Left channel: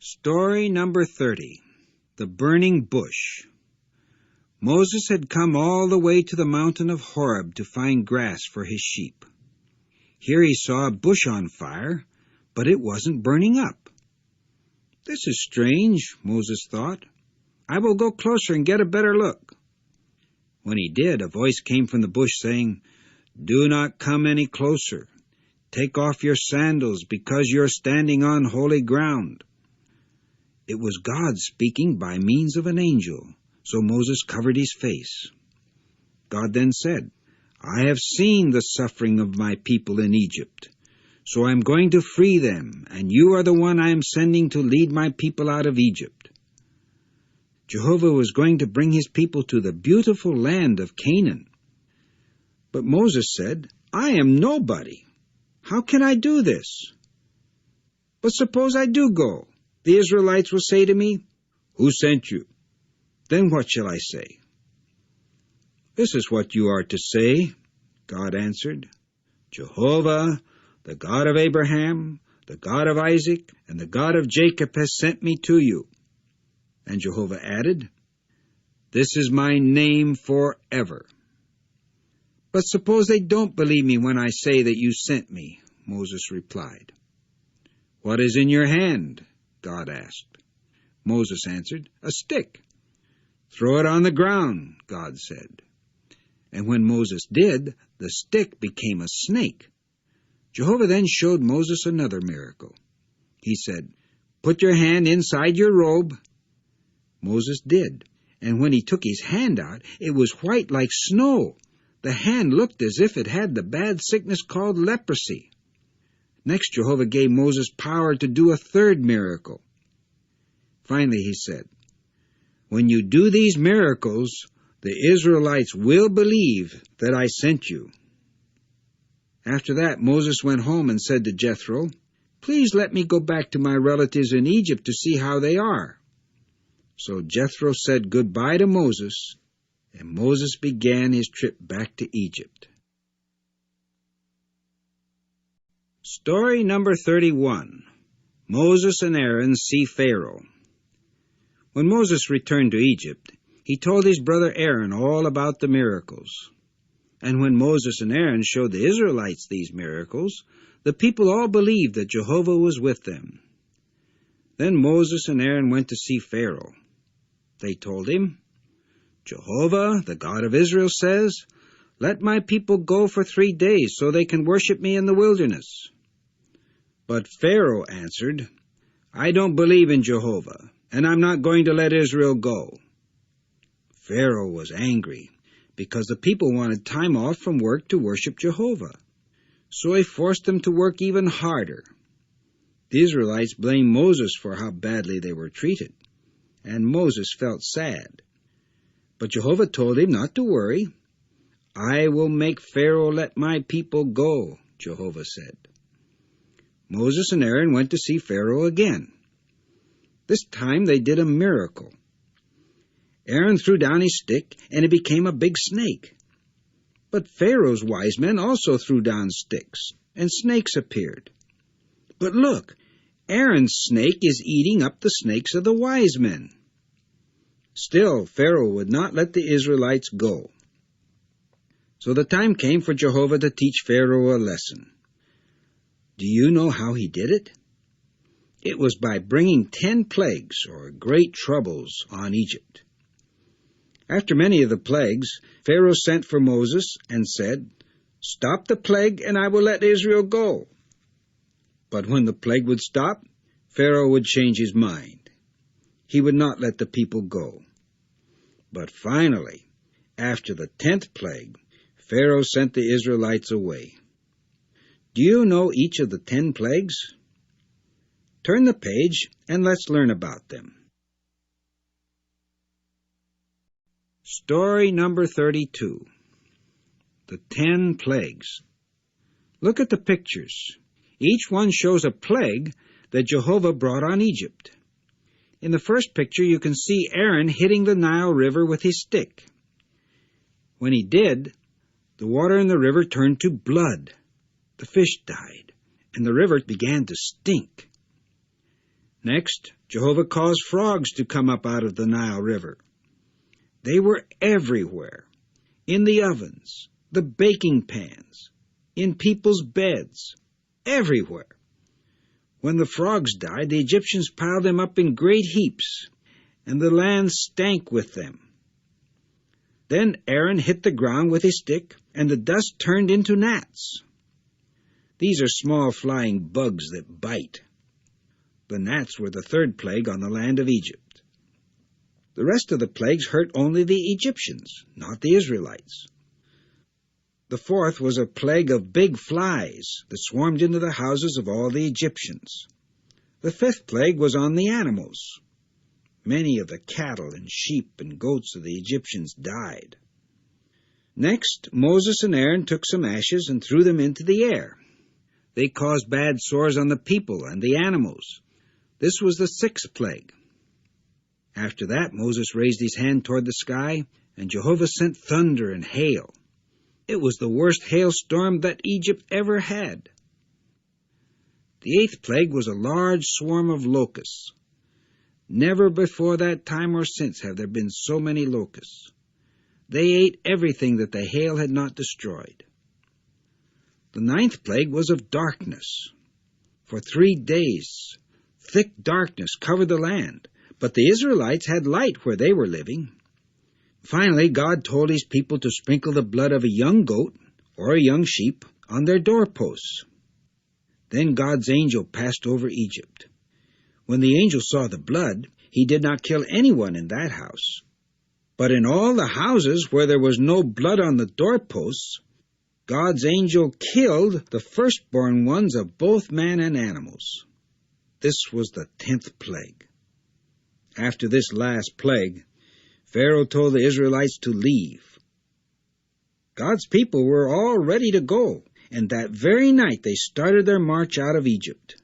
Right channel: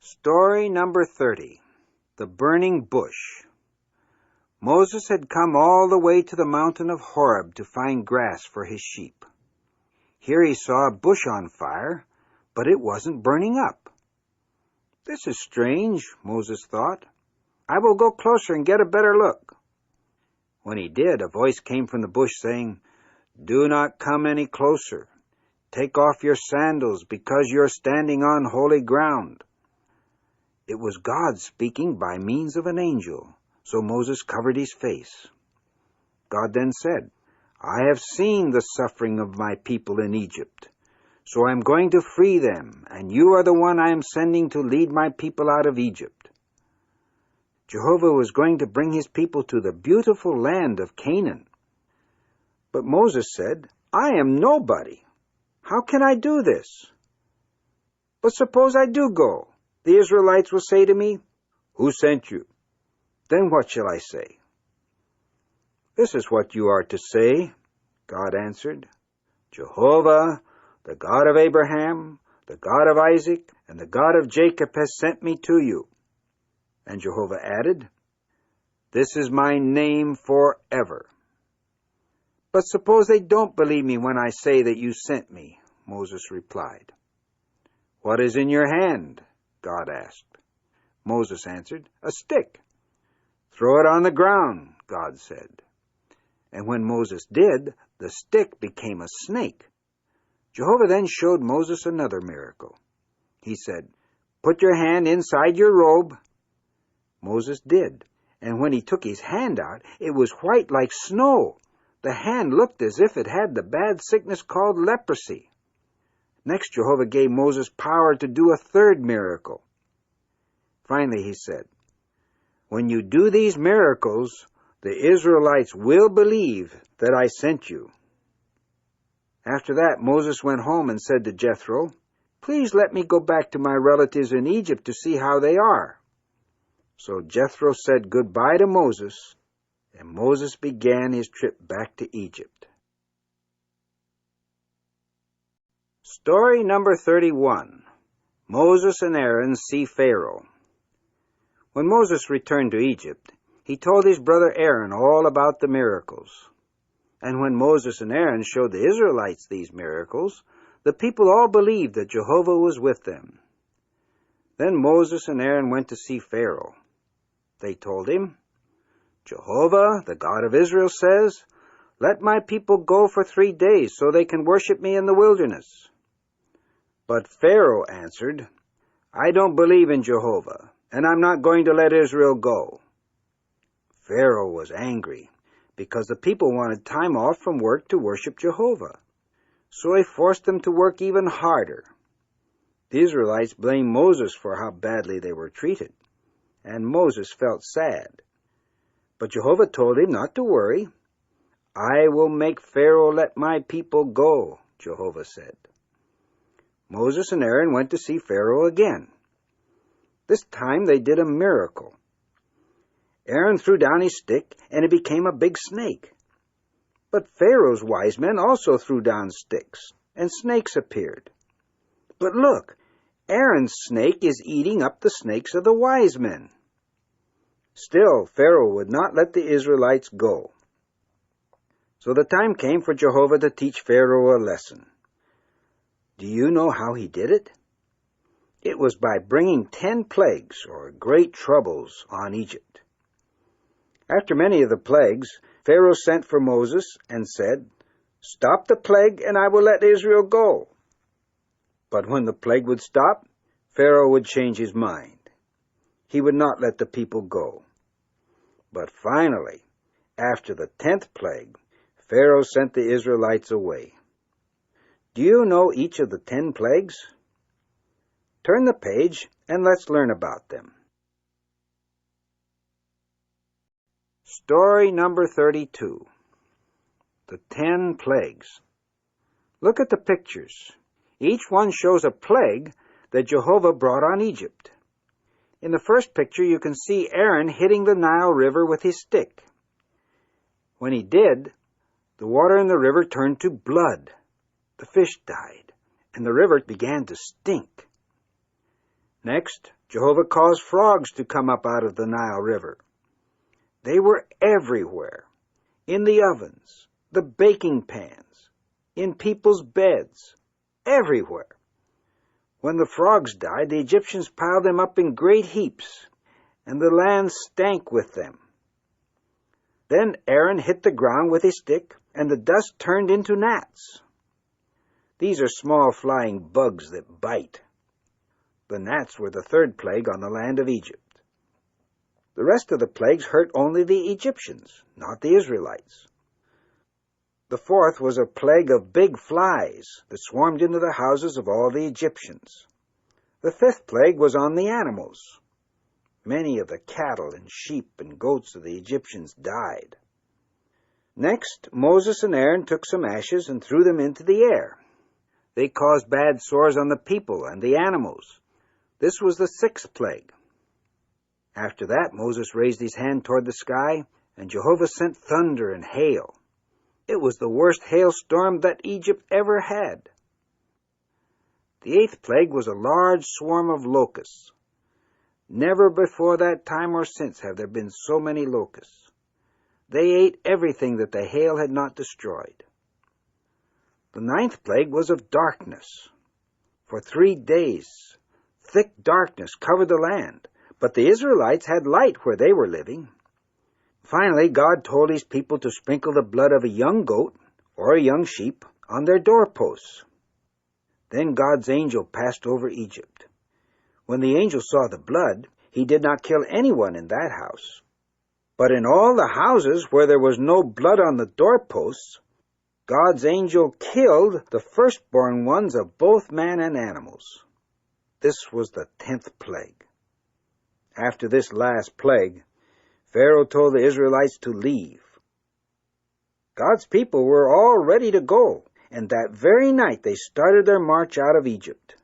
Story number 30. The Burning Bush. Moses had come all the way to the mountain of Horeb to find grass for his sheep. Here he saw a bush on fire, but it wasn't burning up. This is strange, Moses thought. I will go closer and get a better look. When he did, a voice came from the bush saying, "Do not come any closer. Take off your sandals, because you are standing on holy ground." It was God speaking by means of an angel, so Moses covered his face. God then said, "I have seen the suffering of my people in Egypt, so I am going to free them, and you are the one I am sending to lead my people out of Egypt." Jehovah was going to bring his people to the beautiful land of Canaan. But Moses said, "I am nobody. How can I do this? But suppose I do go. The Israelites will say to me, 'Who sent you?' Then what shall I say?" "This is what you are to say," God answered. "Jehovah, the God of Abraham, the God of Isaac, and the God of Jacob has sent me to you." And Jehovah added, "This is my name forever." "But suppose they don't believe me when I say that you sent me," Moses replied. "What is in your hand?" God asked. Moses answered, "A stick." "Throw it on the ground," God said. And when Moses did, the stick became a snake. Jehovah then showed Moses another miracle. He said, "Put your hand inside your robe." Moses did, and when he took his hand out, it was white like snow. The hand looked as if it had the bad sickness called leprosy. Next, Jehovah gave Moses power to do a third miracle. Finally, he said, "When you do these miracles, the Israelites will believe that I sent you." After that, Moses went home and said to Jethro, "Please let me go back to my relatives in Egypt to see how they are." So Jethro said goodbye to Moses, and Moses began his trip back to Egypt. Story number 31. Moses and Aaron see Pharaoh. When Moses returned to Egypt, he told his brother Aaron all about the miracles. And when Moses and Aaron showed the Israelites these miracles, the people all believed that Jehovah was with them. Then Moses and Aaron went to see Pharaoh. They told him, "Jehovah, the God of Israel, says, 'Let my people go for 3 days so they can worship me in the wilderness.'" But Pharaoh answered, "I don't believe in Jehovah, and I'm not going to let Israel go." Pharaoh was angry because the people wanted time off from work to worship Jehovah. So he forced them to work even harder. The Israelites blamed Moses for how badly they were treated, and Moses felt sad. But Jehovah told him not to worry. "I will make Pharaoh let my people go," Jehovah said. Moses and Aaron went to see Pharaoh again. This time they did a miracle. Aaron threw down his stick, and it became a big snake. But Pharaoh's wise men also threw down sticks, and snakes appeared. But look, Aaron's snake is eating up the snakes of the wise men. Still, Pharaoh would not let the Israelites go. So the time came for Jehovah to teach Pharaoh a lesson. Do you know how he did it? It was by bringing 10 plagues, or great troubles, on Egypt. After many of the plagues, Pharaoh sent for Moses and said, "Stop the plague, and I will let Israel go." But when the plague would stop, Pharaoh would change his mind. He would not let the people go. But finally, after the 10th plague, Pharaoh sent the Israelites away. Do you know each of the 10 plagues? Turn the page and let's learn about them. Story number 32. The 10 Plagues. Look at the pictures. Each one shows a plague that Jehovah brought on Egypt. In the first picture you can see Aaron hitting the Nile River with his stick. When he did, the water in the river turned to blood. The fish died, and the river began to stink. Next, Jehovah caused frogs to come up out of the Nile River. They were everywhere, in the ovens, the baking pans, in people's beds, everywhere. When the frogs died, the Egyptians piled them up in great heaps, and the land stank with them. Then Aaron hit the ground with his stick, and the dust turned into gnats. These are small flying bugs that bite. The gnats were the third plague on the land of Egypt. The rest of the plagues hurt only the Egyptians, not the Israelites. The fourth was a plague of big flies that swarmed into the houses of all the Egyptians. The fifth plague was on the animals. Many of the cattle and sheep and goats of the Egyptians died. Next, Moses and Aaron took some ashes and threw them into the air. They caused bad sores on the people and the animals. This was the sixth plague. After that, Moses raised his hand toward the sky, and Jehovah sent thunder and hail. It was the worst hailstorm that Egypt ever had. The eighth plague was a large swarm of locusts. Never before that time or since have there been so many locusts. They ate everything that the hail had not destroyed. The ninth plague was of darkness. For 3 days, thick darkness covered the land, but the Israelites had light where they were living. Finally, God told his people to sprinkle the blood of a young goat or a young sheep on their doorposts. Then God's angel passed over Egypt. When the angel saw the blood, he did not kill anyone in that house. But in all the houses where there was no blood on the doorposts, God's angel killed the firstborn ones of both man and animals. This was the 10th plague. After this last plague, Pharaoh told the Israelites to leave. God's people were all ready to go, and that very night they started their march out of Egypt.